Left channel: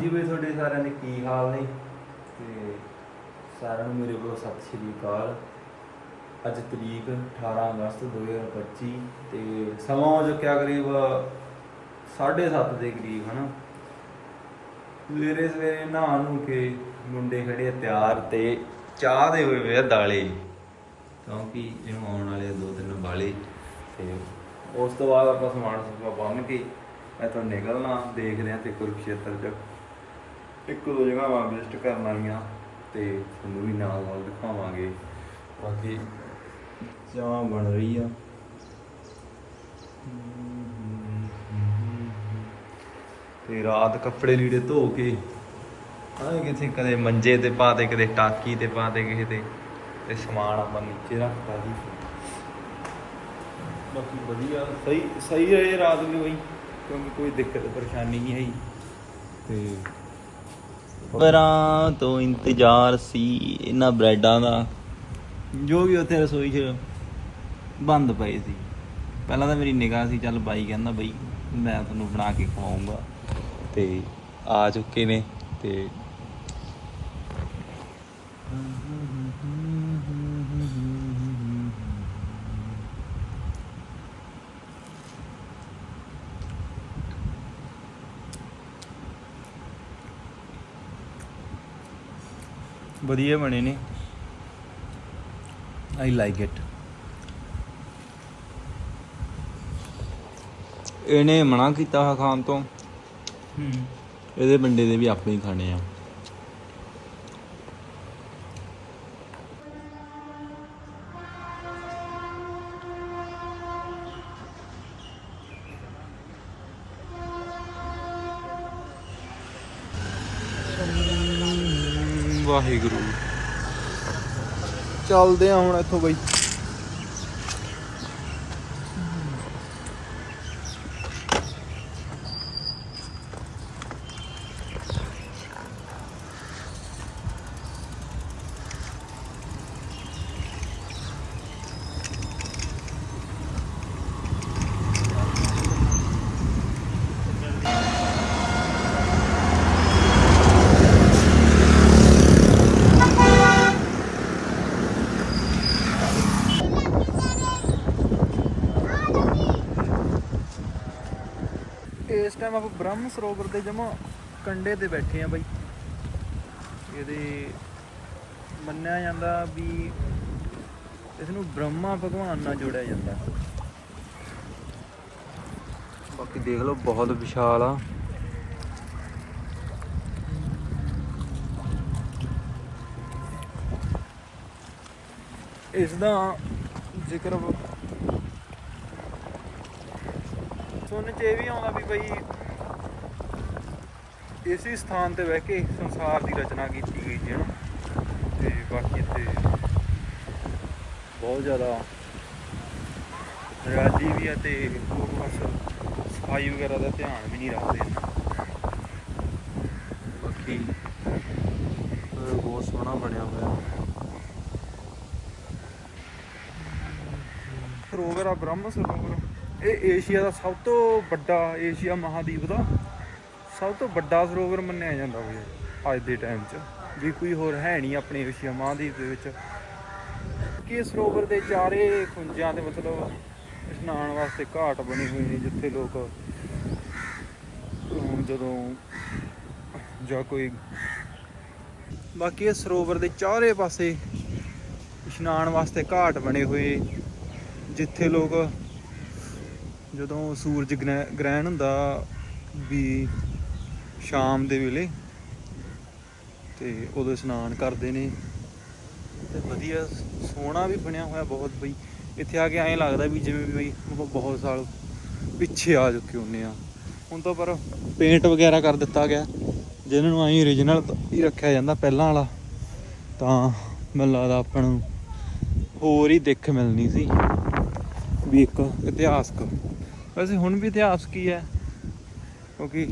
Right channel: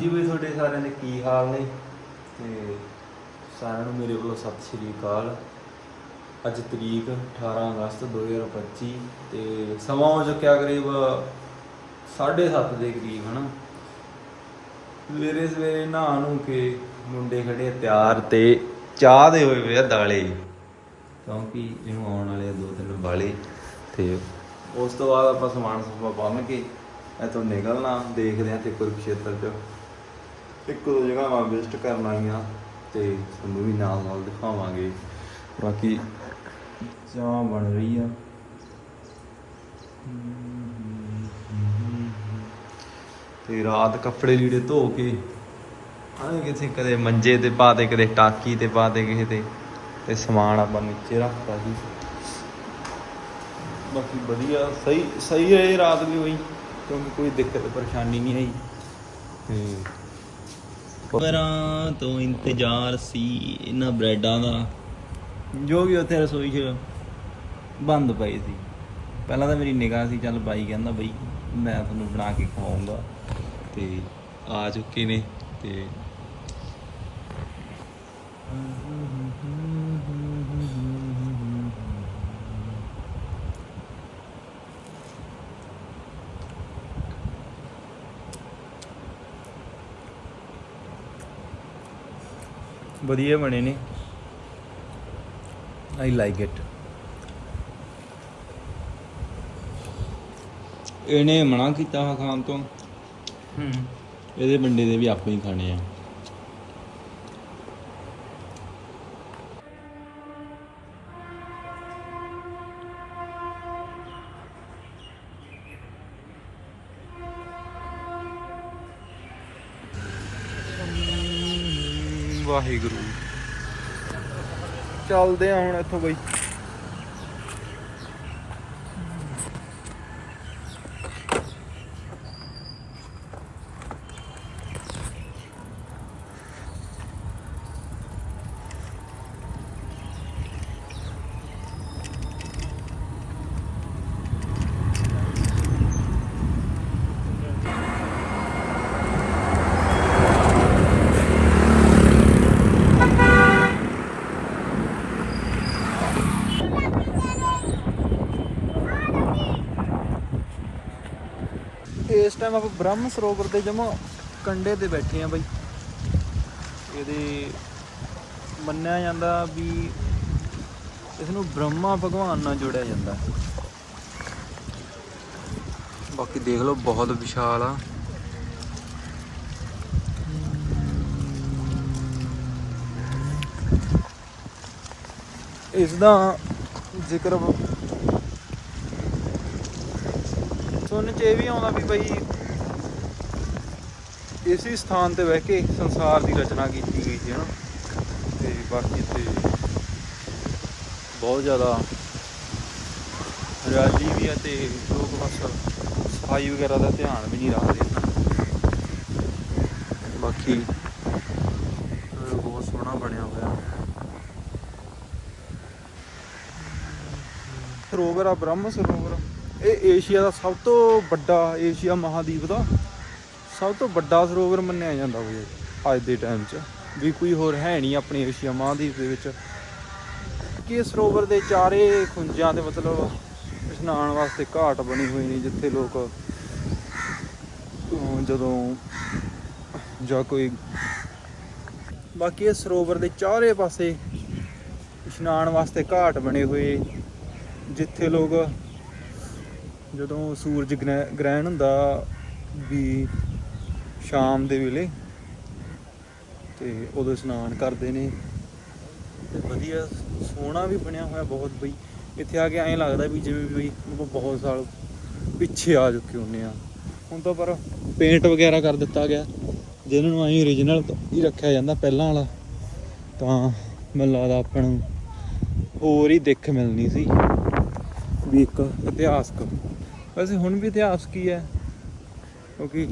ਜੀ ਬਈ ਤੁਹਾਡੇ ਸਾਰਿਆਂ ਦੇ ਕੀ ਹਾਲ ਨੇ? ਤੇ ਸਾਰਿਆਂ ਨੂੰ ਮੇਰੇ ਵੱਲੋਂ ਸਤਿ ਸ਼੍ਰੀ ਅਕਾਲ। ਅੱਜ ਤਰੀਕ 18 ਅਗਸਤ 2025 ਤੇ ਸਮਾਂ ਹੋ ਚੁੱਕਿਆ ਕਰੀਬ 7:30 ਦੇ ਕਰੀਬ, ਹਨਾ? ਸਵੇਰੇ ਸਵੇਰੇ ਨਹਾ ਨੂੰ ਕੇ ਮੁੰਡੇ ਖੜੇ ਤਿਆਰ ਤੇ ਚਾਹ ਦੇ ਹੋਏ ਵੇ ਆ ਦਾਲੇ। ਕਿਉਂਕਿ ਇਹਨੂੰ ਆਉਣ ਵਾਲੇ ਆ ਦੋ ਤਿੰਨ ਬਾਲੇ ਤੇ ਉਸ ਤੋਂ ਬਾਅਦ ਆਪਾਂ ਸਮਾਨ ਸਮੂਨ ਬੰਨ ਕੇ ਇੱਥੋਂ ਨਿਕਲਣਾ, ਦੇਖਦੇ ਆ ਤੇ ਕੁਰਕਸ਼ੇਤਰ ਚ। ਇੱਕ ਦੋ ਜਗ੍ਹਾ ਵਿਜ਼ਿਟ ਕਰਨ ਆਈਆਂ ਤੇ ਤੁਹਾਨੂੰ ਵੀ ਨਾਲ ਨਾਲ ਦਿਖਾਵਾਂਗੇ। ਬਾਕੀ ਚਾਹ ਬਣ ਰਹੀ ਆ। ਤੇ ਰਾਤ ਕੱਪੜੇ ਲੀੜੇ ਧੋ ਕੇ ਆਏ ਕਿਥੇ ਕਦੇ ਮੰਜੇ ਤੇ ਪਾ ਦੇ ਕਦੇ ਟਾਕੀ ਤੇ ਪਾ ਦੇ ਕਿਸੇ ਤੇ ਤੇ ਸਮਾਨ ਆਪਾਂ ਨੀਚੇ ਰੱਖਤਾ ਸੀ। ਬਾਕੀ ਵਧੀਆ, ਸਹੀ ਸਹੀ ਹੈ ਇਹ ਰਾਤ ਨੂੰ ਹੋਈ ਕਿਉਂਕਿ ਕੋਈ ਦਿੱਕਤ, ਪਰੇਸ਼ਾਨੀ ਨਹੀਂ ਆਈ ਤੇ ਖਬਰਾਂ ਤੋਂ ਇੰਤਜ਼ਾਰ ਸੀ ਇਹਨਾਂ ਬ੍ਰੈਡਾਂ ਦਾ। ਜੋ ਵੀ ਉੱਥੇ ਰਸੋਈ 'ਚ ਬੰਦ ਪਏ ਸੀ। ਪਹਿਲਾਂ ਤਾਂ ਮੇਰੀ ਨਿਗਾਹ ਸੀ, ਚੱਲ ਬਾਈ ਕਹਿੰਦਾ ਬਈ ਮੈਂ ਤੁਹਾਨੂੰ ਬਣਾ ਕੇ ਖਵਾਉਂਗਾ ਤੇ ਆ ਚੁੱਕੇ ਨੇ ਤੇ ਵਧੀਆ ਬਣੇ ਨੇ। ਆਈ ਲਾਈਕ ਇਟ ਇਹਨੇ ਮਨਾ ਕੀਤਾ ਹੋਇਆ ਖਾਣ ਤੋਂ। ਇਹਦੇ ਬੰਦੇ ਦੇ ਵੀ ਆਪੇ ਹੀ ਖਾਣੇ ਆ। ਵਾਹਿਗੁਰੂ। ਚੱਲਦੇ ਆ ਹੁਣ ਇੱਥੋਂ ਬਈ ਇਸ ਟਾਈਮ ਆਪਾਂ ਬ੍ਰਹਮ ਸਰੋਵਰ ਦੇ ਜਮਾ ਕੰਡੇ ਤੇ ਬੈਠੇ ਆ ਬਈ। ਇਹਦੇ ਮੰਨਿਆ ਜਾਂਦਾ ਵੀ ਇਸ ਨੂੰ ਬ੍ਰਹਮਾ ਭਗਵਾਨ ਨਾਲ ਜੋੜਿਆ ਜਾਂਦਾ। ਬਾਕੀ ਦੇਖ ਲਓ, ਬਹੁਤ ਵਿਸ਼ਾਲ ਆ। ਇਸ ਦਾ ਜ਼ਿਕਰ ਸੁਣਨ ਚ ਇਹ ਵੀ ਆਉਂਦਾ ਵੀ ਬਈ ਇਸੇ ਸਥਾਨ ਤੇ ਬਹਿ ਕੇ ਸੰਸਾਰ ਦੀ ਰਚਨਾ ਕੀਤੀ ਹੋਈ ਸੀ ਹਨਾ। ਤੇ ਬਾਕੀ ਤੇ ਬਹੁਤ ਜ਼ਿਆਦਾ ਹਰਿਆਲੀ ਵੀ ਹੈ ਤੇ ਲੋਕ ਬਸ ਸਫ਼ਾਈ ਵਗੈਰਾ ਦਾ ਧਿਆਨ ਵੀ ਨਹੀਂ ਰੱਖਦੇ ਬਾਕੀ ਬਹੁਤ ਸੋਹਣਾ ਬਣਿਆ ਹੋਇਆ। ਸਰੋਵਰ ਆ ਬ੍ਰਹਮ ਸਰੋਵਰ। ਇਹ ਏਸ਼ੀਆ ਦਾ ਸਭ ਤੋਂ ਵੱਡਾ ਏਸ਼ੀਆ ਮਹਾਦੀਪ ਦਾ। ਸਭ ਤੋਂ ਵੱਡਾ ਸਰੋਵਰ ਮੰਨਿਆ ਜਾਂਦਾ ਵੀ ਅੱਜ ਦੇ ਟਾਈਮ 'ਚ। ਵੀ ਕੋਈ ਹੋਰ ਹੈ ਨਹੀਂ ਆਪਣੇ ਏਸ਼ੀਆ ਮਹਾਂਦੀਪ ਦੇ ਵਿੱਚ। ਕਿ ਇਹ ਸਰੋਵਰ ਦੇ ਚਾਰੇ ਖੁੰਝਾਂ ਦੇ ਮਤਲਬ ਇਸ਼ਨਾਨ ਵਾਸਤੇ ਘਾਟ ਬਣੀ ਹੋਈ ਨੇ, ਜਿੱਥੇ ਲੋਕ ਜਦੋਂ ਜਾਂ ਕੋਈ ਬਾਕੀ ਇਹ ਸਰੋਵਰ ਦੇ ਚਾਰੇ ਪਾਸੇ ਇਸ਼ਨਾਨ ਵਾਸਤੇ ਘਾਟ ਬਣੇ ਹੋਏ, ਜਿੱਥੇ ਲੋਕ ਜਦੋਂ ਸੂਰਜ ਗ੍ਰਹਿ- ਗ੍ਰਹਿਣ ਹੁੰਦਾ ਵੀ ਸ਼ਾਮ ਦੇ ਵੇਲੇ ਤੇ ਉਦੋਂ ਇਸ਼ਨਾਨ ਕਰਦੇ ਨੇ। ਤੇ ਵਧੀਆ, ਸੋਹਣਾ ਵੀ ਬਣਿਆ ਹੋਇਆ ਬਹੁਤ ਬਈ। ਇੱਥੇ ਆ ਕੇ ਐਂ ਲੱਗਦਾ ਵੀ ਜਿਵੇਂ ਵੀ ਬਈ ਆਪਾਂ ਬਹੁਤ ਸਾਲ ਪਿੱਛੇ ਆ ਚੁੱਕੇ ਹੁੰਨੇ ਆ। ਹੁਣ ਤਾਂ ਪਰ ਪੇਂਟ ਵਗੈਰਾ ਕਰ ਦਿੱਤਾ ਗਿਆ। ਜਿਹਨਾਂ ਨੂੰ ਐਂ origignal ਹੀ ਰੱਖਿਆ ਜਾਂਦਾ ਪਹਿਲਾਂ ਵਾਲਾ। ਤਾਂ ਮੈਨੂੰ ਲੱਗਦਾ ਆਪਾਂ ਨੂੰ ਹੋਰ ਹੀ ਦਿੱਖ ਮਿਲਣੀ ਸੀ ਵੀ ਇੱਕ ਇਤਿਹਾਸਕ। ਵੈਸੇ ਹੁਣ ਵੀ ਇਤਿਹਾਸ ਕੀ ਹੈ? ਕਿਉਂਕਿ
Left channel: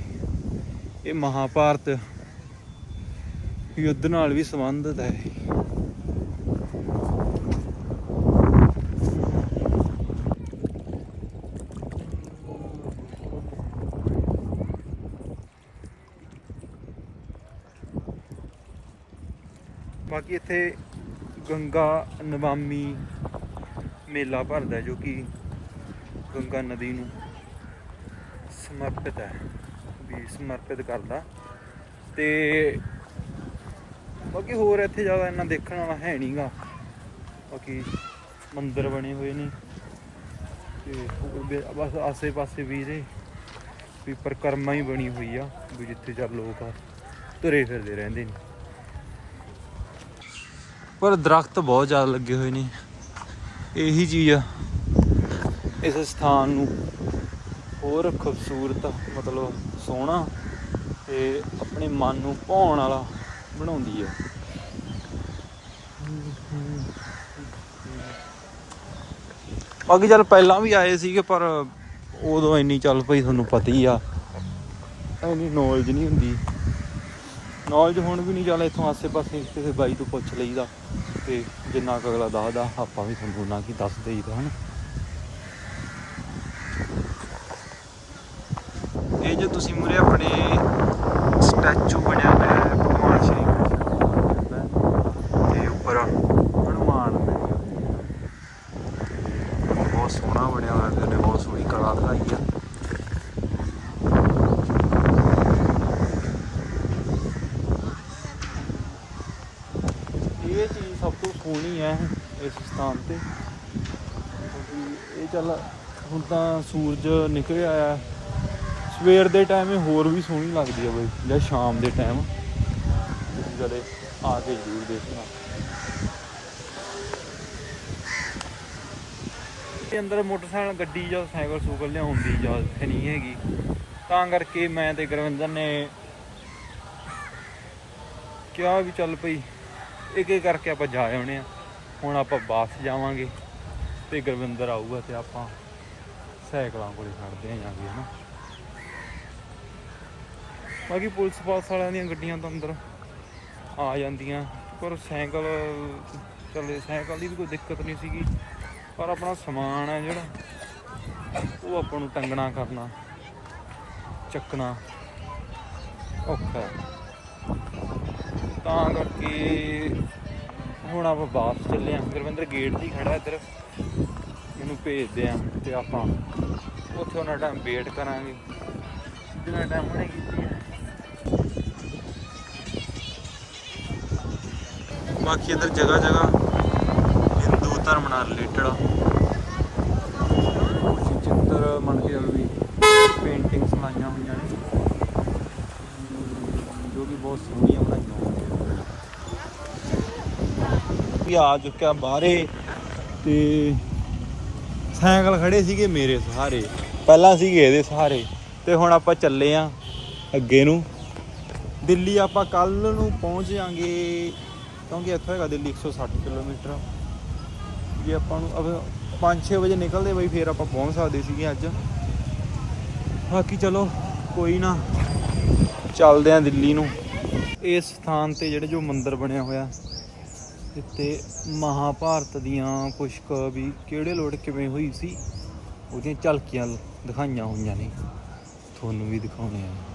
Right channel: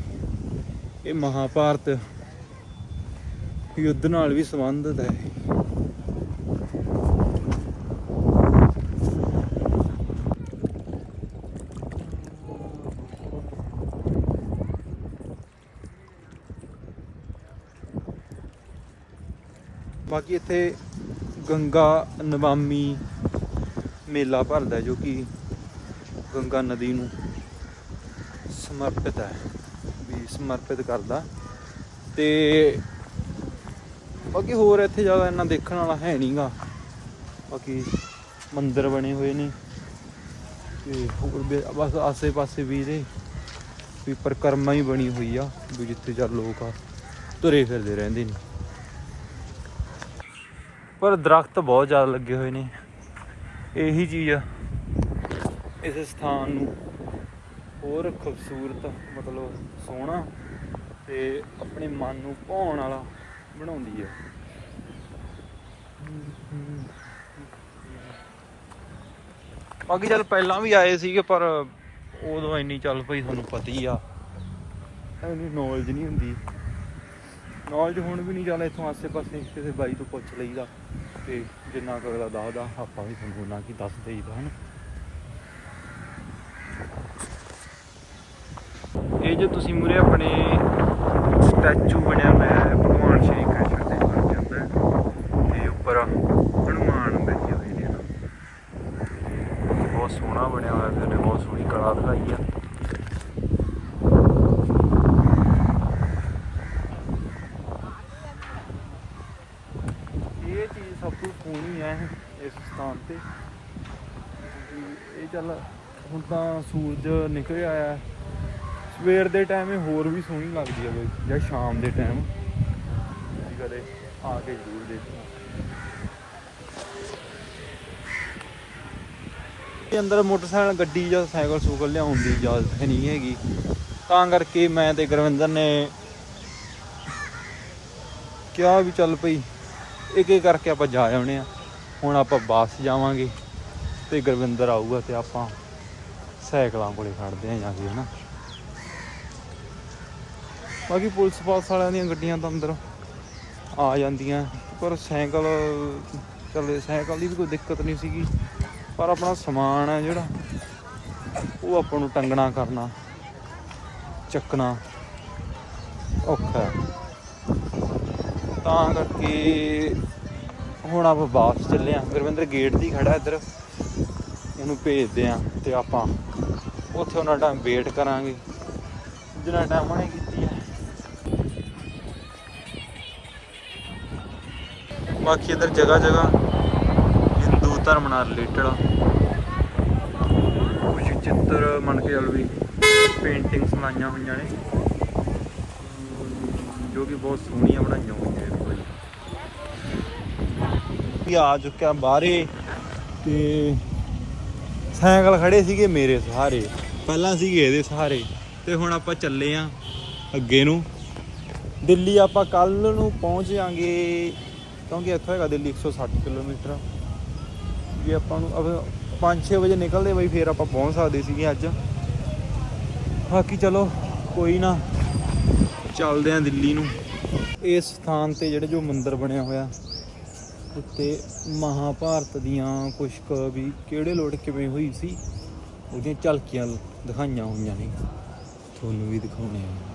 ਇਹ ਮਹਾਭਾਰਤ ਯੁੱਧ ਨਾਲ ਵੀ ਸੰਬੰਧਿਤ ਹੈ। ਬਾਕੀ ਇੱਥੇ ਗੰਗਾ ਨਵਾਮੀ ਮੇਲਾ ਭਰਦਾ ਜੋ ਕਿ ਗੰਗਾ ਨਦੀ ਨੂੰ ਸਮਰਪਿਤ ਹੈ। ਸਮਰਪਿਤ ਕਰਦਾ। ਤੇ ਬਾਕੀ ਹੋਰ ਇੱਥੇ ਜ਼ਿਆਦਾ ਇੰਨਾ ਦੇਖਣ ਵਾਲਾ ਹੈ ਨਹੀਂਗਾ ਬਾਕੀ ਮੰਦਿਰ ਬਣੇ ਹੋਏ ਨੇ। ਤੇ ਹੋਰ ਵੀ ਬਸ ਆਸੇ-ਪਾਸੇ ਵੀ ਇਹਦੇ। ਵੀ ਪਰਿਕਰਮਾ ਹੀ ਬਣੀ ਹੋਈ ਆ, ਵੀ ਜਿੱਥੇ ਚੱਲ ਲੋਕ ਆ, ਤੁਰੇ ਫਿਰਦੇ ਰਹਿੰਦੇ ਨੇ। ਪਰ ਦਰਖਤ ਬਹੁਤ ਜ਼ਿਆਦਾ ਲੱਗੇ ਹੋਏ ਨੇ। ਇਹੀ ਚੀਜ਼ ਆ। ਇਸ ਸਥਾਨ ਨੂੰ ਹੋਰ ਖੂਬਸੂਰਤ, ਮਤਲਬ ਸੋਹਣਾ ਤੇ ਆਪਣੇ ਮਨ ਨੂੰ ਭਾਉਣ ਵਾਲਾ ਬਣਾਉਂਦੀ ਹੈ। ਬਾਕੀ ਚੱਲ ਪਹਿਲਾਂ ਵੀ ਆਏ ਸੀਗੇ, ਪਰ ਉਦੋਂ ਇੰਨੀ ਚੱਲ ਪਈ, ਤੁਹਾਨੂੰ ਪਤਾ ਹੀ ਆ। ਇੰਨੀ ਨੌਲੇਜ ਨਹੀਂ ਹੁੰਦੀ। ਨੌਲੇਜ ਹੁਣ ਵੀ ਨਹੀਂ, ਚੱਲ ਇੱਥੋਂ ਆਸੇ-ਪਾਸੇ ਕਿਸੇ ਬਾਈ ਤੋਂ ਪੁੱਛ ਲਈਦਾ ਤੇ ਜਿੰਨਾ ਕੁ ਅਗਲਾ ਦੱਸਦਾ, ਆਪਾਂ ਵੀ ਤੁਹਾਨੂੰ ਨਾ ਕੀ ਦੱਸ ਦਈਦਾ, ਹਨ ਇਹ ਜੋ ਤੁਸੀਂ ਮੂਰੇ ਆਪਣੇ ਸਟੈਚੂ ਬਣਿਆ ਹੋਇਆ ਹੈ, ਭਗਵਾਨ ਸ਼੍ਰੀ ਕ੍ਰਿਸ਼ਨ ਦੇ ਬਣ ਜਾਂਦਾ ਹੈ ਤੇ ਉੱਪਰ ਹਨੂਮਾਨ ਬੈਠੇ ਹੋਏ ਨੇ ਤੇ ਬਹੁਤ ਸੋਹਣਾ ਬਣਿਆ ਹੋਇਆ ਤੇ ਬਹੁਤ ਸੋਹਣੀ ਕਲਾ ਦਿਖਾਈ ਆ। ਇਹ ਚੀਜ਼ ਸਭ ਤੋਂ ਸੋਹਣੀ ਹੈ ਇਸ ਸਥਾਨ ਤੇ। ਕਿਉਂਕਿ ਇਹ ਚੱਲ ਹੁਣ ਤਾਂ ਸੂਰਜ ਨਿਕਲ ਆਇਆ ਸਵੇਰ ਦੇ ਟਾਈਮ ਇਹ ਹੋਰ ਵੀ ਸੋਹਣੀ ਲੱਗਦੀ ਹੈ ਬਈ, ਜਾਂ ਸ਼ਾਮ ਦੇ ਟਾਈਮ ਤੁਸੀਂ ਕਦੇ ਆ ਕੇ ਜ਼ਰੂਰ ਦੇਖਣਾ। ਇਹ ਅੰਦਰ ਮੋਟਰਸਾਈਕਲ, ਗੱਡੀ ਜਾਂ ਸਾਈਕਲ ਸੂਕਲ ਲਿਆਉਣ ਦੀ ਇਜਾਜ਼ਤ ਨਹੀਂ ਹੈਗੀ। ਤਾਂ ਕਰਕੇ ਮੈਂ ਤੇ ਗੁਰਵਿੰਦਰ ਨੇ ਕਿਹਾ ਵੀ ਚੱਲ ਪਈ ਇੱਕ ਇੱਕ ਕਰਕੇ ਆਪਾਂ ਜਾ ਆਉਣੇ ਆ। ਹੁਣ ਆਪਾਂ ਬੱਸ ਜਾਵਾਂਗੇ ਤੇ ਗੁਰਵਿੰਦਰ ਆਊਗਾ ਤੇ ਆਪਾਂ ਸਾਈਕਲਾਂ ਕੋਲੇ ਖੜਦੇ ਆਂ ਜਾ ਕੇ, ਹਨਾ। ਬਾਕੀ ਪੁਲਿਸ ਪਾਸ ਵਾਲਿਆਂ ਦੀਆਂ ਗੱਡੀਆਂ ਤਾਂ ਅੰਦਰ ਆ ਜਾਂਦੀਆਂ, ਪਰ ਸਾਈਕਲ, ਚੱਲੇ ਸਾਈਕਲ ਦੀ ਵੀ ਕੋਈ ਦਿੱਕਤ ਨਹੀਂ ਸੀਗੀ। ਪਰ ਆਪਣਾ ਸਮਾਨ ਹੈ ਜਿਹੜਾ, ਉਹ ਆਪਾਂ ਨੂੰ ਟੰਗਣਾ, ਕਰਨਾ, ਚੱਕਣਾ ਔਖਾ ਤਾਂ ਕਰਕੇ ਹੁਣ ਆਪਾਂ ਵਾਪਸ ਚੱਲੇ ਆਂ ਗੁਰਵਿੰਦਰ ਗੇਟ ਦੀ ਖੜਾ ਇੱਧਰ। ਇਹਨੂੰ ਭੇਜਦੇ ਆਂ ਤੇ ਆਪਾਂ ਉੱਥੇ ਉਹਨਾਂ ਟਾਈਮ ਵੇਟ ਕਰਾਂਗੇ। ਜਿੰਨਾ ਟਾਈਮ ਉਹਨੇ ਕੀਤੀ ਹੈ। ਬਾਕੀ ਇੱਧਰ ਜਗ੍ਹਾ ਜਗ੍ਹਾ ਹਿੰਦੂ ਧਰਮ ਨਾਲ ਰਿਲੇਟਡ ਆ। ਕੁਝ ਚਿੱਤਰ ਮੰਨ ਕੇ ਚੱਲ ਵੀ ਪੇਂਟਿੰਗਸ ਲਾਈਆਂ ਹੋਈਆਂ ਨੇ। ਜੋ ਕਿ ਬਹੁਤ ਸੋਹਣੀਆਂ ਬਣਾਈਆਂ ਹੋਈਆਂ ਨੇ ਬਾਈ ਆ ਚੁੱਕਿਆ ਬਾਹਰੇ ਤੇ ਸਾਈਕਲ ਖੜੇ ਸੀਗੇ ਮੇਰੇ ਸਹਾਰੇ। ਪਹਿਲਾਂ ਸੀਗੇ ਇਹਦੇ ਸਹਾਰੇ। ਤੇ ਹੁਣ ਆਪਾਂ ਚੱਲੇ ਆਂ ਅੱਗੇ ਨੂੰ। ਦਿੱਲੀ ਆਪਾਂ ਕੱਲ ਨੂੰ ਪਹੁੰਚ ਜਾਾਂਗੇ ਕਿਉਂਕਿ ਇੱਥੋਂ ਹੈਗਾ ਦਿੱਲੀ 160 ਕਿਲੋਮੀਟਰ। ਜੇ ਆਪਾਂ ਨੂੰ ਅਬ 5-6 ਵਜੇ ਨਿਕਲਦੇ ਬਈ, ਫੇਰ ਆਪਾਂ ਪਹੁੰਚ ਸਕਦੇ ਸੀਗੇ ਅੱਜ। ਬਾਕੀ ਚਲੋ, ਕੋਈ ਨਾ। ਚੱਲਦੇ ਆਂ ਦਿੱਲੀ ਨੂੰ। ਇਸ ਸਥਾਨ ਤੇ ਜਿਹੜੇ ਜੋ ਮੰਦਿਰ ਬਣਿਆ ਹੋਇਆ, ਇੱਥੇ ਮਹਾਭਾਰਤ ਦੀਆਂ ਕੁਝ ਵੀ ਕਿਹੜੇ ਲੋਟ ਕਿਵੇਂ ਹੋਈ ਸੀ, ਉਹਦੀਆਂ ਝਲਕੀਆਂ ਦਿਖਾਈਆਂ ਹੋਈਆਂ ਨੇ। ਤੁਹਾਨੂੰ ਵੀ ਦਿਖਾਉਣੇ ਆ।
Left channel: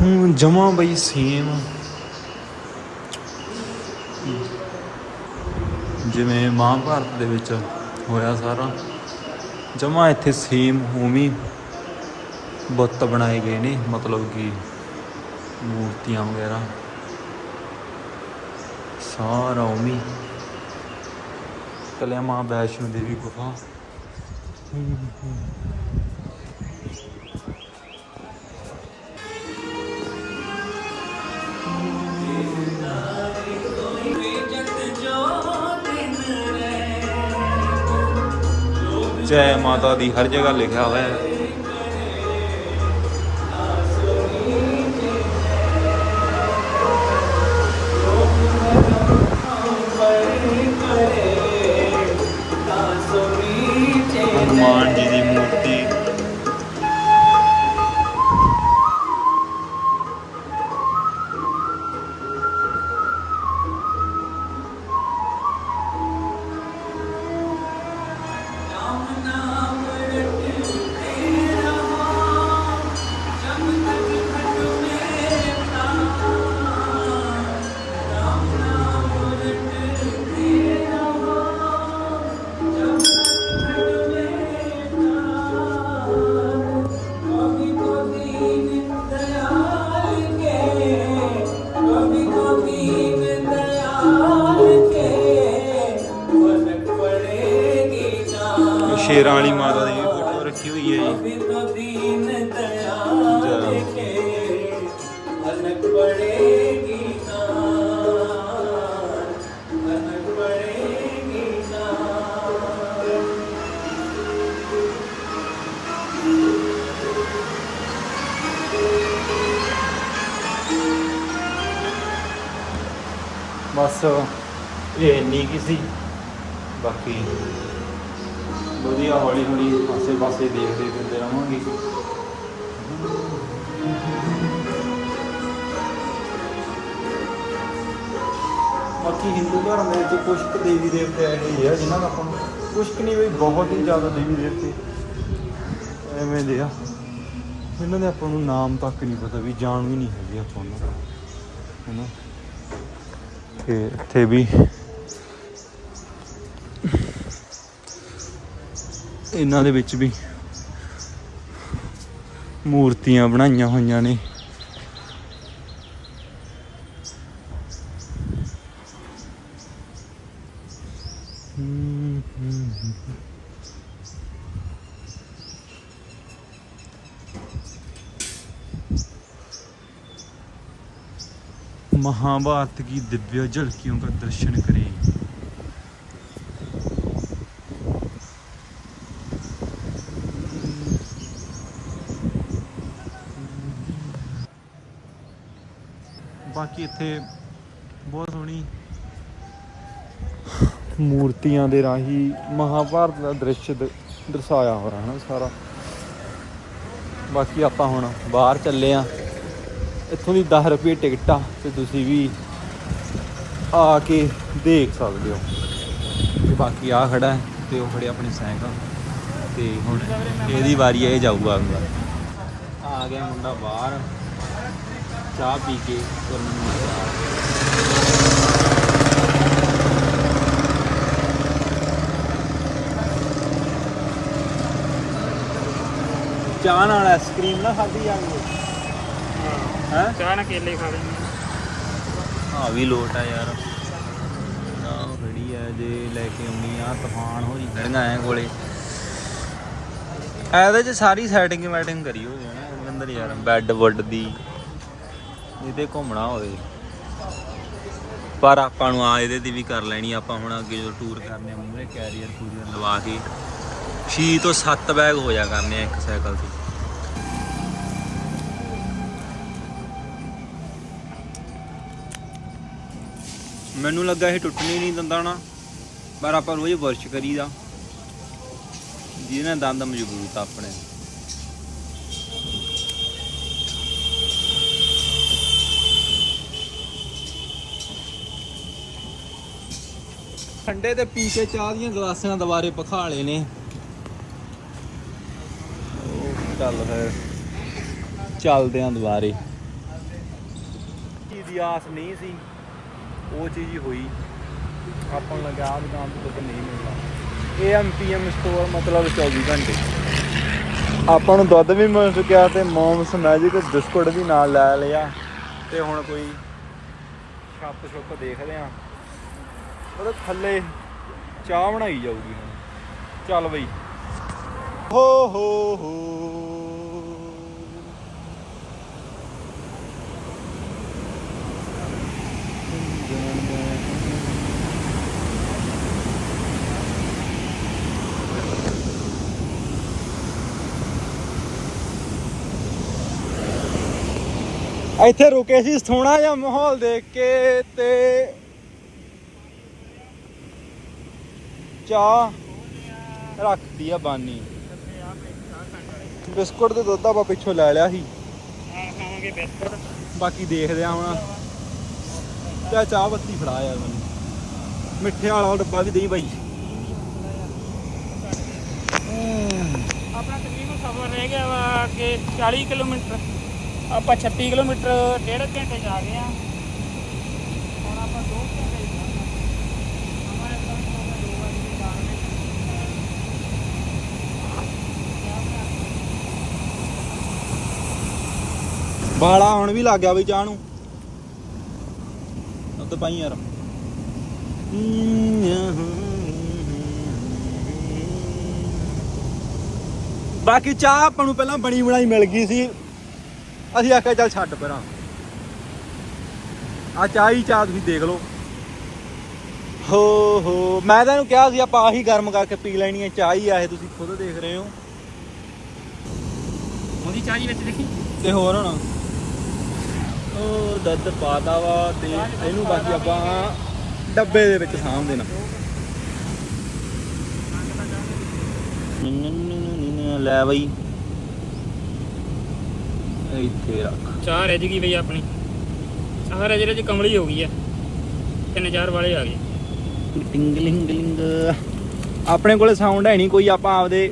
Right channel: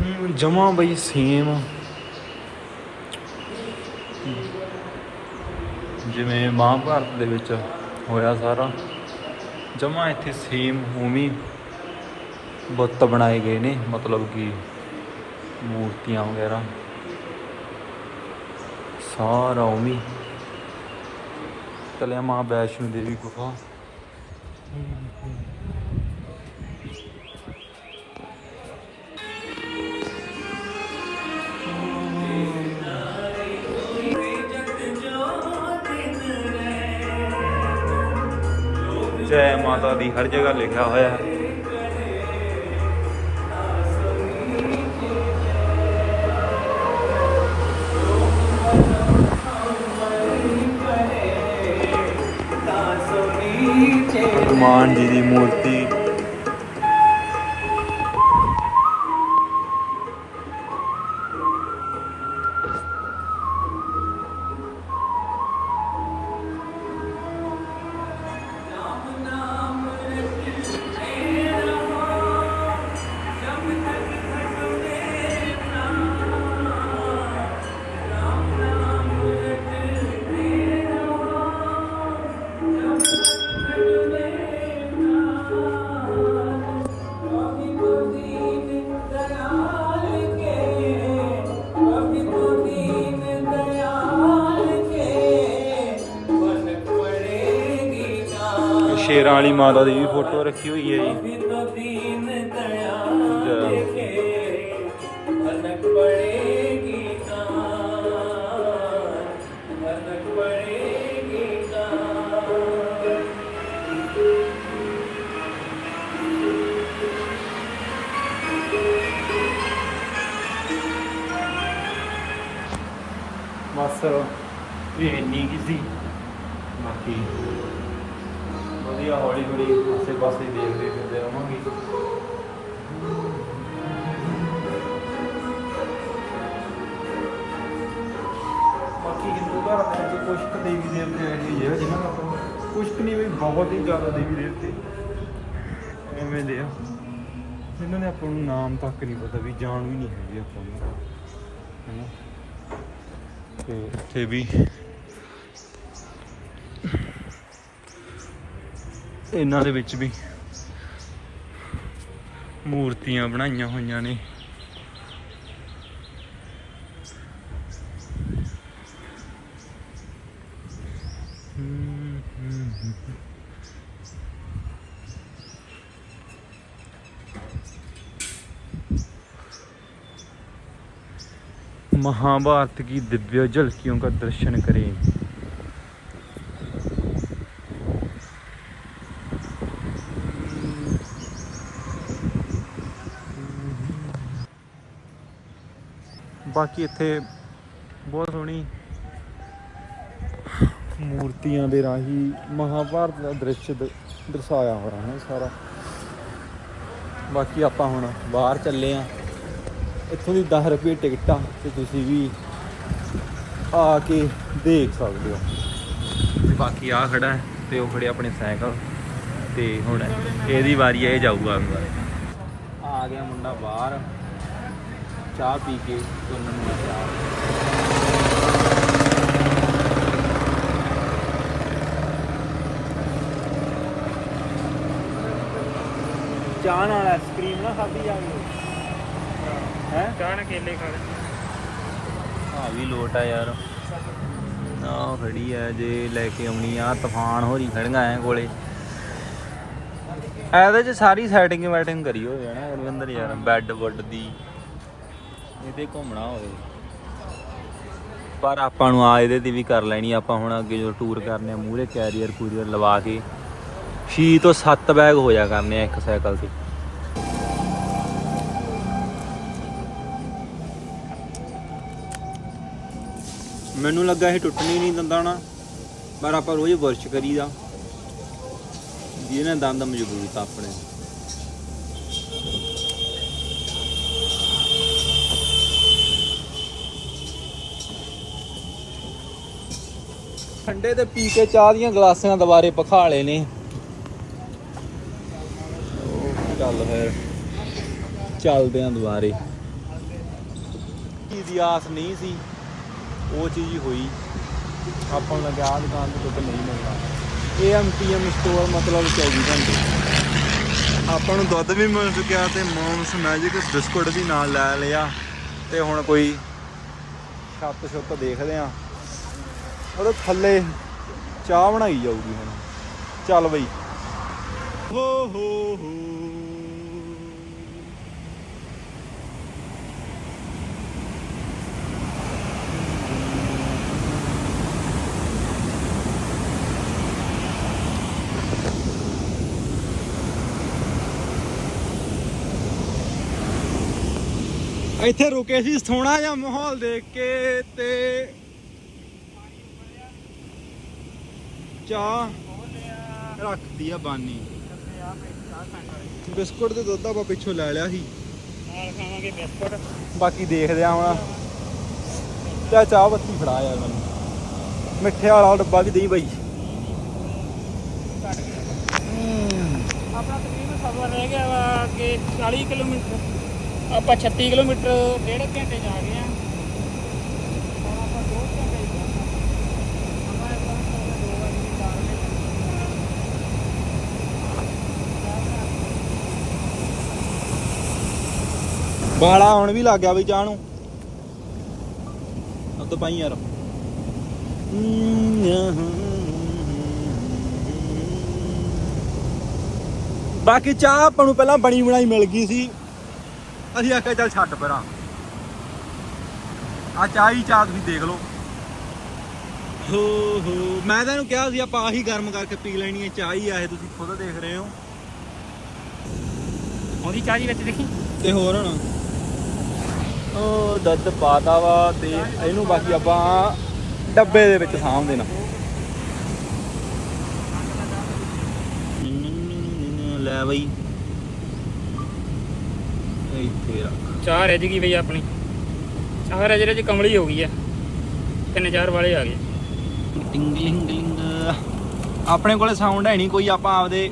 ਹੁਣ ਜਮਾ ਬਈ ਸੇਮ ਜਿਵੇਂ ਮਹਾਭਾਰਤ ਦੇ ਵਿੱਚ ਹੋਇਆ ਸਾਰਾ, ਜਮਾ ਇੱਥੇ ਸੇਮ ਉਵੇਂ ਬੁੱਤ ਬਣਾਏ ਗਏ ਨੇ, ਮਤਲਬ ਕਿ ਮੂਰਤੀਆਂ ਵਗੈਰਾ। ਸਾਰਾ ਉਵੇਂ ਚਲਿਆ ਮਾਂ ਵੈਸ਼ਨੋ ਦੇਵੀ ਗੁਫਾ। ਜੈ ਮਾਤਾ ਦੀ ਹਰ ਜਗ੍ਹਾ ਲਿਖਿਆ ਹੋਇਆ ਹੈ। ਹਨੂਮਾਨ ਜੀ ਦੀ ਮੂਰਤੀ ਸ਼ੇਰਾਂ ਵਾਲੀ ਮਾਤਾ ਦੀ ਵੀ ਫੋਟੋ ਰੱਖੀ ਹੋਈ ਹੈ ਜੀ। ਬਸ। ਹੌਲੀ ਪਾਸੇ ਦੇਖਦੇ ਫਿਰਦੇ ਰਹਾਂਗੇ ਬਾਕੀ ਹਿੰਦੂ ਧਰਮ ਦੇ ਵਿੱਚ ਕੁਝ ਕੁ ਦੇਵੀ ਦੇਵਤੇ ਇਹੋ ਆ ਜਿਨ੍ਹਾਂ ਨੂੰ ਆਪਾਂ ਨੂੰ ਕੁਝ ਕੁ ਨਹੀਂ ਵੀ ਬਹੁਤ ਹੀ ਜ਼ਿਆਦਾ ਦੇਵੀ ਦੇਵਤੇ ਐਵੇਂ ਦੇ ਆ। ਇਹਨਾਂ ਦੇ ਆਪਾਂ ਨੂੰ ਨਾਮ ਤੱਕ ਨਹੀਂ ਪਤਾ ਵੀ ਜਾਣੂ ਹੀ ਨਹੀਂ ਹੈਗੇ ਆਪਾਂ ਨੂੰ, ਹੈਨਾ? ਤੇ ਇੱਥੇ ਵੀ ਇਹਨਾਂ ਦੇ ਵਿੱਚ ਵੀ ਮੂਰਤੀਆਂ ਬਣਾਈਆਂ ਹੋਈਆਂ ਨੇ ਹਮ, ਹਮ, ਹਮ। महाभारत की दिव्य झलकियों का दर्शन करें ਬਾਕੀ ਇੱਥੇ ਬਹੁਤ ਸੋਹਣੀ ਮੂਰਤੀਆਂ ਦੇ ਰਾਹੀਂ ਮਹਾਭਾਰਤ ਦਾ ਦ੍ਰਿਸ਼ ਦ- ਦਰਸਾਇਆ ਰਿਹਾ ਹੈ ਸਾਰਾ। ਬਾਕੀ ਆਪਾਂ ਹੁਣ ਬਾਹਰ ਚੱਲੇ ਆ। ਇੱਥੋਂ ਦੀ 10 ਰੁਪਏ ਟਿਕਟ ਆ ਤੇ ਤੁਸੀਂ ਵੀ ਆ ਕੇ ਦੇਖ ਸਕਦੇ ਹੋ। ਤੇ ਬਾਕੀ ਆ ਖੜਾ ਹੈ ਤੇ ਉਹ ਖੜੇ ਆਪਣੇ ਸਾਈਕਲ ਤੇ ਹੁਣ ਇਹਦੀ ਵਾਰੀ ਹੈ ਇਹ ਜਾਊਗਾ ਆ ਗਿਆ ਮੁੰਡਾ ਬਾਹਰ। ਚਾਹ ਪੀ ਕੇ ਤੁਰਨ ਨੂੰ ਤਿਆਰ। ਚਾਹ ਨਾਲ ਆਈਸਕ੍ਰੀਮ ਨਾ ਖਾਧੀ ਜਾਣੀ ਹੈ। ਚਾਹ ਨਾਲ ਕੇਲੇ ਖਾ ਲੈਂਦੇ ਆ। ਵੀ ਲੋਟ ਆ ਯਾਰ। ਨਾ ਖੜੀ ਐ ਜੇ ਲੈ ਕੇ ਆਉਣੀ ਆ ਤੂਫਾਨ ਹੋ ਰਹੀ ਖੜੀਆਂ ਐ ਕੋਲੇ। ਇਹਦੇ ਚ ਸਾਰੀ ਸੈਟਿੰਗ ਵੈਟਿੰਗ ਕਰੀ ਹੋਈ ਹੈ ਨਾ ਯਾਰ ਬੈੱਡ ਵੁੱਡ ਦੀ। ਇਹਦੇ ਘੁੰਮਣਾ ਹੋਵੇ। ਪਰ ਆਪਾਂ ਨੂੰ ਆ ਇਹਦੇ ਤੇ ਵੀ ਕਰ ਲੈਣੀ ਆਪਾਂ ਹੁਣ ਅੱਗੇ ਜੋ ਟੂਰ ਕਰਨੇ ਆ ਮੂਰੇ ਕੈਰੀਅਰ ਕੂਰੀਅਰ ਲਵਾ ਕੇ ਛੇ ਤੋਂ 7 ਬੈਗ ਹੋ ਜਾ ਕਰਨੇ ਆ ਇੱਕ ਸਾਈਕਲ ਤੇ। ਮੈਨੂੰ ਲੱਗਾ ਇਹ ਟੁੱਟਣੀ ਨਹੀਂ ਦੰਦਾਂ ਨਾ ਪਰ ਆਪਾਂ ਰੋਜ਼ ਵਰਸ਼ ਕਰੀਦਾ। ਜਿਹਦੇ ਨਾਲ ਦੰਦ ਮਜ਼ਬੂਤ ਆਪਣੇ। ਠੰਡੇ ਤੇ ਪੀ ਕੇ ਚਾਹ ਦੀਆਂ ਗਲਾਸਾਂ ਦੁਬਾਰੇ ਪਖਾਲੇ ਨੇ। ਉਹ ਚੱਲ ਫਿਰ। ਚੱਲਦੇ ਆਂ ਦੁਬਾਰੇ। ਦੀ ਆਸ ਨਹੀਂ ਸੀ, ਉਹ ਚੀਜ਼ ਹੋਈ। ਆਪਾਂ ਨੂੰ ਲੱਗਾ ਆਹ ਦੁਕਾਨ ਤੇ ਕੁਝ ਨਹੀਂ ਮਿਲਣਾ। ਏਐਮਪੀਐਮ ਸਟੋਰ ਮਤਲਬ 24 ਘੰਟੇ। ਆਪਾਂ ਨੂੰ ਦੁੱਧ ਵੀ ਮਿਲ ਚੁੱਕਿਆ ਤੇ ਮੌਮਸ, ਮੈਜਿਕ, ਬਿਸਕੁਟ ਵੀ ਨਾਲ ਲੈ ਲਿਆ। ਤੇ ਹੁਣ ਕੋਈ ਛੱਤ ਛੁੱਤ ਦੇਖਦੇ ਆ। ਉਹਦੇ ਥੱਲੇ ਚਾਹ ਬਣਾਈ ਜਾਊਗੀ ਹੁਣ। ਚੱਲ ਬਈ। ਹੋ ਹੋ ਹੋ। ਇੱਥੇ ਰੁਕੇ ਸੀ ਸੋਹਣਾ ਜਿਹਾ ਮਾਹੌਲ ਦੇਖ ਕੇ ਤੇ ਚਾਹ ਰੱਖਦੀ ਆ ਬਾਨੀ। ਆ ਬਿਸਕੁਟ ਤੇ ਦੁੱਧ ਆਪਾਂ ਪਿੱਛੋਂ ਲੈ ਲਿਆ ਸੀ। ਨਾਲ ਖਾਵਾਂਗੇ ਬਿਸਕੁਟ। ਬਾਕੀ ਦੇਖਦੇ ਆ ਹੁਣ। ਤੇ ਚਾਹ ਬੱਤੀ ਫੜਾ ਯਾਰ ਮੈਨੂੰ। ਮਿੱਠੇ ਵਾਲਾ ਡੱਬਾ ਵੀ ਦੇਈ ਬਾਈ। ਆਪਣਾ ਤਕਰੀਬਨ ਸਫ਼ਰ ਰਹਿ ਗਿਆ ਵਾ ਕਿ 40 ਕਿਲੋਮੀਟਰ। ਆਪਾਂ 36 ਕਿਲੋਮੀਟਰ ਡੇਢ ਘੰਟੇ ਜਾ ਰਹੇ ਹਾਂ ਹੁਣ ਆਪਾਂ 2 ਘੰਟੇ ਹੀ ਜਾਣਾ ਹਮਾਰੇ ਪਾਸ ਤਾਂ ਦੋ ਵਜੇ ਦੀ ਕਾਰ ਹੈ ਬਾਲਾ ਹੁਣ ਵੀ ਲੱਗ ਗਿਆ ਬਈ ਚਾਹ ਨੂੰ। ਉੱਤ ਪਾਈ ਯਾਰ। ਬਾਕੀ ਚਾਹ ਆਪਾਂ ਨੂੰ ਪਹਿਲਾਂ ਬਣੀ ਬਣਾਈ ਮਿਲ ਗਈ ਸੀ। ਅਸੀਂ ਆਖਿਆ ਚੱਲ ਛੱਡ ਪਰਾਂ। ਆ ਚਾਹ ਹੀ ਚਾਹ ਤੁਸੀਂ ਦੇਖ ਲਓ। ਹੋ ਹੋ। ਮੈਂ ਤਾਂ ਇਹਨੂੰ ਕਿਹਾ ਸੀ ਆਪਾਂ ਆਹੀ ਗਰਮ ਕਰਕੇ ਪੀ ਲੈਣੀ ਹੈ ਚਾਹ ਹੀ ਆ ਇਹ ਤੁਸੀਂ ਖੁਦ ਦੇਖ ਰਹੇ ਹੋ। ਉਹਦੀ ਚਾਹ ਜੀ ਵਿੱਚ ਦੇਖੀ। ਤੇ ਹੋਰ ਹੁਣ? ਦੁੱਧ ਪਾਤਾ ਵਾ ਤੇ ਇਹਨੂੰ ਬਾਕੀ ਆਪਾਂ ਡੱਬੇ ਦੇ ਵਿੱਚ ਸਾਂਭ ਦੇਣਾ। ਲੈ ਬਈ। ਇੱਥੇ ਰੱਖ। ਚਾਹ ਰਹਿ ਗਈ ਬਈ ਆਪਣੀ। ਚਾਹ ਰਹਿ ਜਿਹੜੇ ਕਮਲੀ ਹੋ ਗਈ ਆ। ਤਿੰਨ ਚਾਰ ਵਾਲੇ ਆ ਗਏ। ਟਿੰਗਲਿੰਗ ਲਿੰਗ ਆਪਣੇ ਕੋਲੇ ਸਾਊਂਡ ਹੈ ਨਹੀਂ ਕੋਈ ਆਪਾਂ ਆਪਦੇ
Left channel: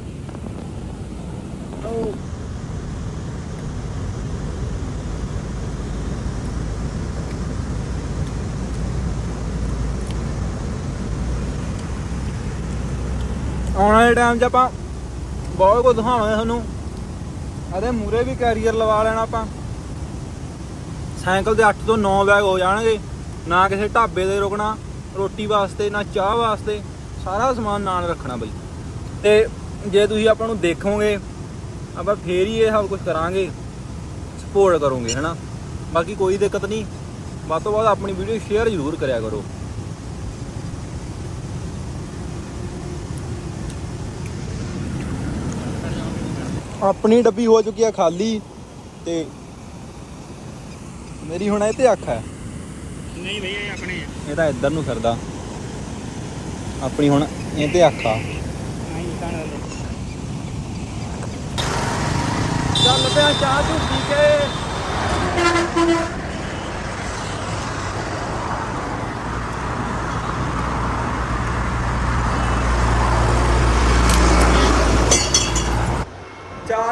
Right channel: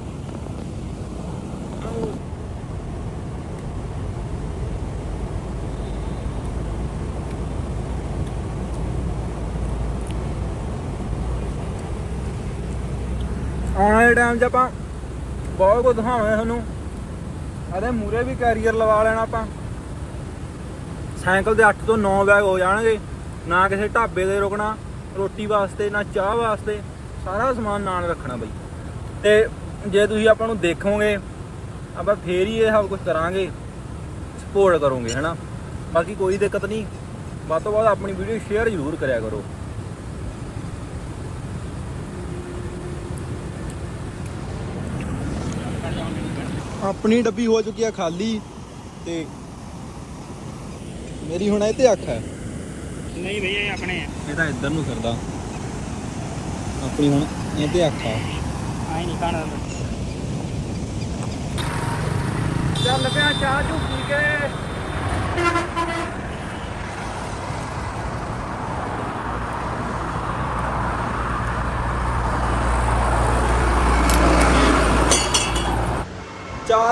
ਆਉਣ ਵਾਲੇ ਟਾਈਮ 'ਚ ਆਪਾਂ ਬਹੁਤ ਕੁਝ ਦਿਖਾਵਾਂਗੇ ਤੁਹਾਨੂੰ। ਇਹਦੇ ਮੂਰੇ ਵੀ ਕੈਰੀਅਰ ਲਵਾ ਲੈਣਾ ਆਪਾਂ। ਸਾਈਕਲ ਦੇ 8 ਤੋਂ 9 ਬੈਗ ਹੋ ਜਾਣਗੇ। ਨਾ ਕਿਸੇ ਢਾਬੇ ਦੇ ਰੁਕਣਾ, ਰੋਟੀ ਵਾਸਤੇ, ਨਾ ਚਾਹ ਵਾਸਤੇ। ਸਾਰਾ ਸਮਾਨ ਨਾਲ ਰੱਖਣਾ ਬਈ। ਤੇ ਜੇ ਤੁਸੀਂ ਆਪਾਂ ਨੂੰ ਦੇਖੋਗੇ, ਆਪਾਂ ਫੇਰ ਹੀ ਇਹ ਸਭ ਕੁਝ ਕਰਾਂਗੇ। ਸਪੋਰਟ ਕਰੋਗੇ, ਹਨਾ? ਬਾਕੀ ਕੋਈ ਦਿੱਕਤ ਨਹੀਂ। ਵੱਧ ਤੋਂ ਵੱਧ ਆਪਣੀ ਵੀਡੀਓ ਸ਼ੇਅਰ ਜ਼ਰੂਰ ਕਰਿਆ ਕਰੋ। ਆਪਣੀ ਡੱਬੀ ਹੋ ਚੁੱਕੀ ਆ ਖਾਲੀ ਤੇ ਮੇਰੀ ਹੁਣ ਇਹ ਤੇ ਅੱਖ ਹੈ। ਨਹੀਂ ਬਈ ਇਹ ਆਪਣੇ ਆ। ਇਹ ਤਾਂ ਇੱਧਰ ਨੂੰ ਫਿਰਦਾ। ਆਪਣੀ ਹੁਣ ਇਹ ਤੇ ਅੱਖ ਆ। ਆਈ ਨਹੀਂ ਖਾਣਾ। ਚੱਲ ਪਿਆ ਚਾਹ ਚੂ ਪੀ ਕੇ।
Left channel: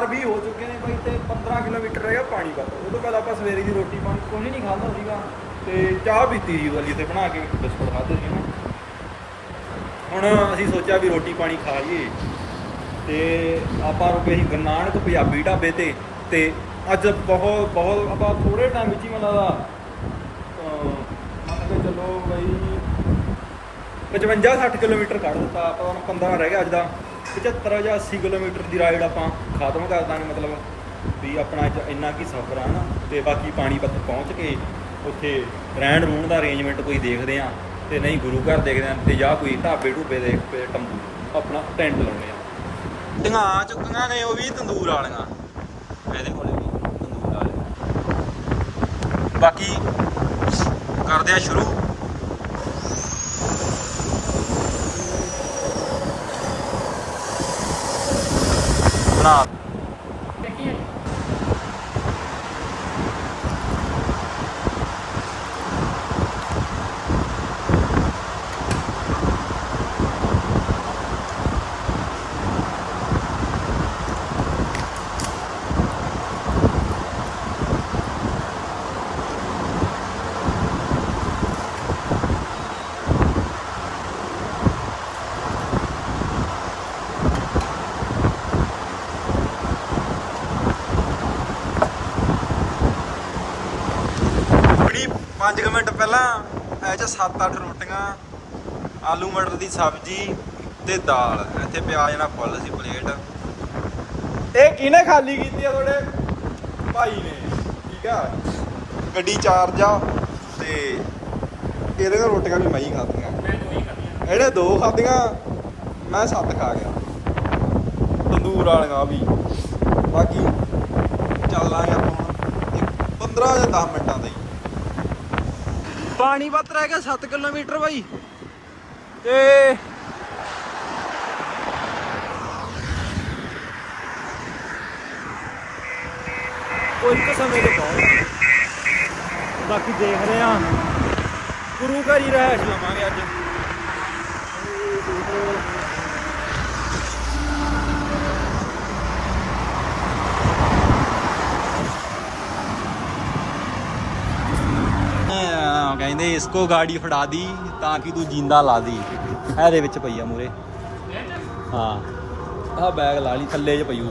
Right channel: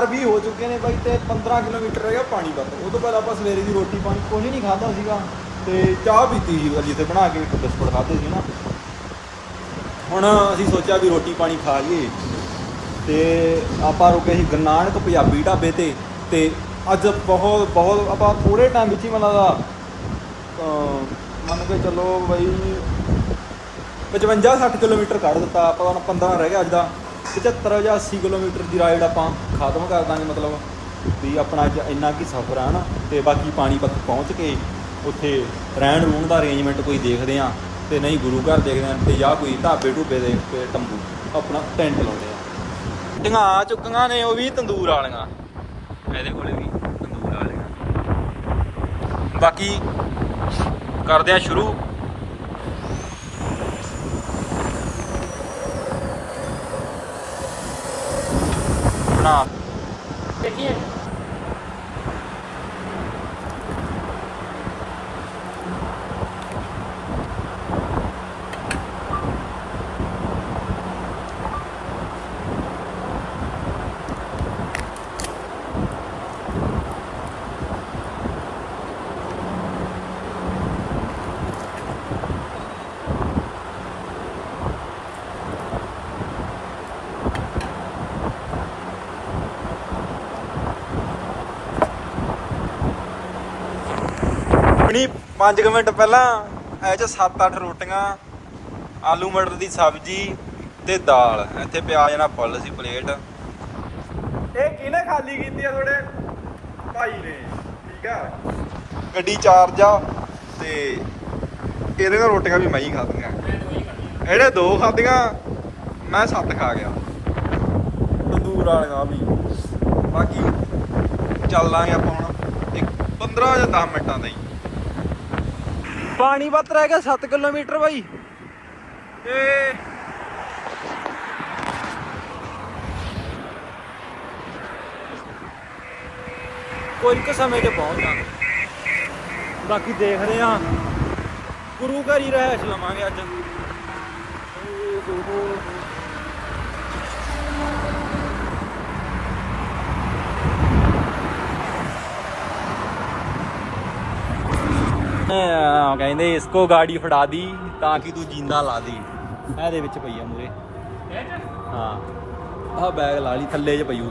ਚਾਰ ਹੋ ਚੁੱਕੇ ਨੇ ਬਾਈ ਤੇ 15 ਕਿਲੋਮੀਟਰ ਰਹਿ ਗਿਆ ਪਾਣੀ ਤੱਕ ਉਹ ਤੋਂ ਪਹਿਲਾਂ ਆਪਾਂ ਸਵੇਰੇ ਦੀ ਰੋਟੀ ਪਾਣੀ ਕੋਈ ਨਹੀਂ ਖਾਦਾ ਸੀਗਾ ਤੇ ਚਾਹ ਪੀਤੀ ਸੀ ਵਾਲੀ ਤੇ ਬਣਾ ਕੇ ਬਿਸਕੁਟ ਖਾਧੇ ਸੀ ਨਾ। ਹੁਣ ਅਸੀਂ ਸੋਚਿਆ ਵੀ ਰੋਟੀ ਪਾਣੀ ਖਾ ਲਈਏ ਤੇ ਆਪਾਂ ਰੁਕੇ ਸੀ ਗਰਨਾਣ ਤੋਂ ਪੰਜਾਬੀ ਢਾਬੇ ਤੇ ਤੇ ਅੱਜ ਬਹੁਤ ਬਹੁਤ ਆਪਾਂ ਥੋੜੇ ਟਾਈਮ ਵਿੱਚ ਹੀ ਮਨ ਲਗਾ ਮੰਨ ਕੇ ਚੱਲੋ ਬਈ 55 60 ਕਿਲੋਮੀਟਰ ਕੱਢ ਦਿੱਤਾ, ਆਪਾਂ ਹੁਣ 15 ਰਹਿ ਗਿਆ ਅੱਜ ਦਾ। 75 ਜਾਂ 80 ਕਿਲੋਮੀਟਰ ਦੀ ਰਾਈਡ ਆਪਾਂ ਖਤਮ ਕਰ ਦਾਂਗੇ, ਮਤਲਬ ਵੀ ਆਪਣਾ ਅੱਜ ਇੰਨਾ ਕੀ ਸਫ਼ਰ ਆ ਨਾ ਤੇ ਬਾਕੀ ਪਾਣੀਪਤ ਪਹੁੰਚ ਕੇ ਉੱਥੇ ਰਹਿਣ ਰੂਣ ਦਾ ਅਰੇਂਜਮੈਂਟ ਕੋਈ ਦੇਖਦੇ ਆ, ਤੇ ਨਹੀਂ ਗੁਰੂ ਘਰ ਦੇਖਦੇ ਆ, ਤੇ ਜਾਂ ਕੋਈ ਢਾਬੇ ਢੂਬੇ ਦੇ ਤੇ ਤੰਬੂ ਆਪਣਾ ਟੈਂਟ ਲਾਉਂਦੇ ਆ। ਟੀਆਂ ਆ ਚੁੱਕੀਆਂ ਨੇ, ਉਹ ਵੀ ਤੰਦੂਰ ਵਾਲੀਆਂ। ਇਹਦੇ ਕੋਲੇ ਵੀ ਤੰਦੂਰ ਵਾਲੀਆਂ। ਬਾਕੀ ਕਰਦੇ ਆ ਸ਼ੁਰੂ ਬਣਾ ਦੇਖੀਏ ਆਪਣੀ 5 ਮਿੰਟ ਪਹਿਲਾਂ ਇਹ ਚ 7-8 ਰੋਟੀਆਂ ਆਲੂ ਮਟਰ ਦੀ ਸਬਜ਼ੀ ਤੇ ਦਾਲ। ਇੱਥੇ ਪਿਆ ਜਾਣਾ ਫੁੱਲ ਸੀ ਪਲੇਟ। ਇਹ ਕਿਹਨੇ ਖਾਲੀ ਕੀਤੀ ਆ ਤੁਹਾਡੇ ਭਾਈ ਨੇ? ਠੀਕ ਆ। ਗੱਡੀ ਚਾਰਜ ਆ ਤੇ ਇਹਦੇ ਨਾਲ ਰੋਟੀਆਂ ਵੀ ਮੈਂ ਹੀ ਖਾਧੀਆਂ। ਇਹਨੇ ਦੋ ਖਾਧੀਆਂ ਮੈਂ ਸੱਤ ਖਾ ਗਿਆ। ਤੰਦੂਰ ਵਾਲੀਆਂ ਵੀ। ਬਾਕੀ ਚੱਲਾਂਗੇ ਆਪਾਂ ਹੁਣ ਇੱਕ 15 ਜਾਂ 10 ਮਿੰਟਾਂ ਦਾ ਹੀ। ਪਾਣੀ ਵੱਤ ਰਹਿ ਗਿਆ 7 ਕਿਲੋਮੀਟਰ ਬਾਈ। ਤੇ ਕੋਈ ਕੁ ਸਮੇਂ 'ਚ ਪਹੁੰਚ ਜਾਵਾਂਗੇ ਬਾਕੀ ਦੇਖ ਰਹੇ ਆ ਗੁਰੂ ਘਰ ਹੀ ਰਹਿਸ਼ ਲਵਾਂਗੇ ਅੱਜ। ਕਹਿੰਦੇ ਇਸਕੋ ਗਾੜੀ ਫੜਾ ਦੀ ਤਾਂ ਕਿ ਤੂੰ ਜਿੰਦਾ ਲਾ ਦੀ। ਇਹਦੇ ਵਿੱਚ ਪਈ ਆ ਮੂਰੇ। ਹਾਂ, ਆਹ ਬੈਗ ਲਾ ਲਈ, ਥੱਲੇ 'ਚ ਪਈ ਪਈਉ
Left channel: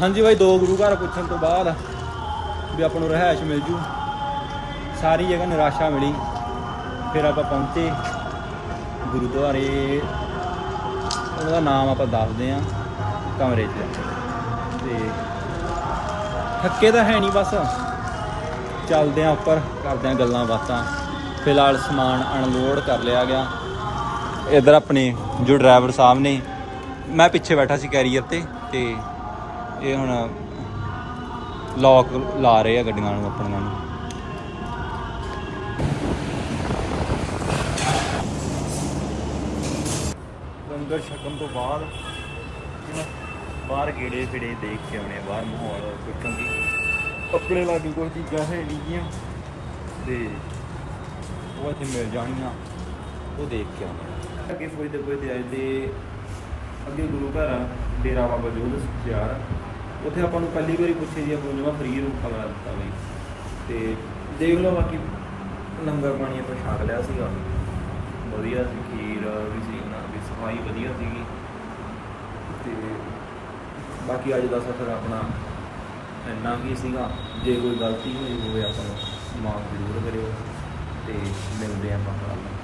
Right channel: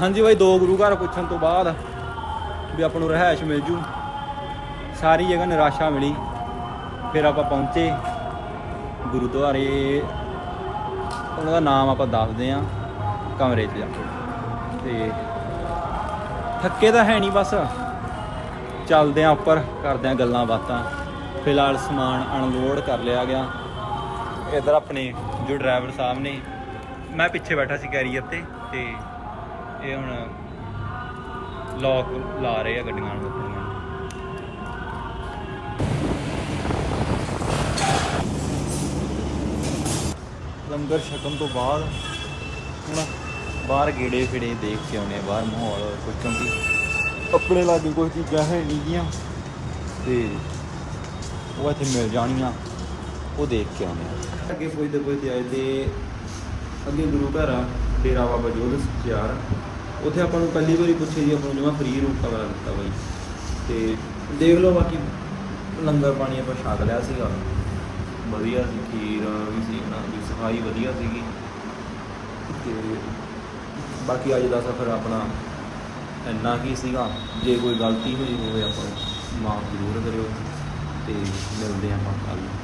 ਹਾਂਜੀ ਬਾਈ, ਦੋ ਗੁਰੂ ਘਰ ਪੁੱਛਣ ਤੋਂ ਬਾਅਦ ਵੀ ਆਪਾਂ ਨੂੰ ਰਹਿائش ਮਿਲ ਜੂ। ਸਾਰੀ ਜਗ੍ਹਾ ਨਿਰਾਸ਼ਾ ਮਿਲੀ। ਫਿਰ ਆਪਾਂ ਪਹੁੰਚੇ ਗੁਰਦੁਆਰੇ। ਉਹਨਾਂ ਦਾ ਨਾਮ ਆਪਾਂ ਦੱਸਦੇ ਆ ਕਮਰੇ 'ਚ ਤੇ ਥੱਕੇ ਤਾਂ ਹੈ ਨਹੀਂ ਬਸ। ਚੱਲਦੇ ਆਂ ਉੱਪਰ ਕਰਦੇ ਆਂ ਗੱਲਾਂ ਬਾਤਾਂ। ਫਿਲਹਾਲ ਸਮਾਨ ਅਨਲੋਡ ਕਰ ਲਿਆ ਗਿਆ। ਇਧਰ ਆਪਣੇ ਜੋ ਡਰਾਈਵਰ ਸਾਹਿਬ ਨੇ ਮੈਂ ਪਿੱਛੇ ਬੈਠਾ ਸੀ ਕੈਰੀਅਰ ਤੇ ਤੇ ਇਹ ਹੁਣ ਲੌਕ ਲਾ ਰਹੇ ਆ ਗੱਡੀਆਂ ਨੂੰ ਆਪਣੀਆਂ ਨੂੰ ਲੰਗਰ ਛਕਣ ਤੋਂ ਬਾਅਦ ਹੁਣ ਬਾਹਰ ਗੇੜੇ ਫਿੜੇ ਦੇਖ ਕੇ ਆਉਣੇ ਆ, ਬਾਹਰ ਮਾਹੌਲ ਕੁਝ ਕਿਉਂਕਿ ਆਪਣੇ ਲਾਗੇ ਕੋਈ ਚੀਜ਼ਾਂ ਹੈ ਨਹੀਂ ਗੀਆਂ। ਤੇ ਉਹ ਇੱਥੇ ਮਿਲ ਜਾਣੀਆਂ। ਉਹ ਦੇਖ ਕੇ ਆਉਣੇ ਆ। ਅੱਗੇ ਪੁੱਛਦੇ ਪੁੱਛਦੇ ਆਏ ਤੇ ਅੱਗੇ ਗੁਰੂ ਘਰ ਡੇਰਾ ਬਾਬਾ ਜੋਧ ਸਿਆਰ ਉੱਥੇ ਆਪਾਂ ਨੂੰ ਪਹਿਲੀ ਵਾਰੀ ਪੁੱਛੇ ਜੀ ਫੋਨ ਨੂੰ ਫ੍ਰੀ ਰੂਟ ਕਮਰਾ ਦਿੱਤਾ ਬਈ। ਤੇ ਦੇਖ ਲਓ ਬਾਕੀ ਲੰਗਰ ਪਾਣੀ ਆਪਾਂ ਛਕ ਲਿਆ ਸੀਗਾ। ਵਧੀਆ ਸੀ, ਖੀਰ ਵੀ ਸੀ ਨਾ ਵੀ ਸਫ਼ਾਈ ਵਧੀਆ ਸੀਗੀ। ਤੇ ਬਾਕੀ ਅੱਜ ਦਾ ਸਫ਼ਰ ਆਪਣਾ ਇੰਨਾ ਹੀ ਸੀਗਾ? ਜੇ ਕੋਈ ਗਲਤੀ ਹੋਈ ਹੋਵੇ ਆਪਾਂ ਨੂੰ ਮਾਫ ਜ਼ਰੂਰ ਕਰਿਓ ਤੇ ਮਿਲਦੇ ਆਪਾਂ ਕੱਲ੍ਹ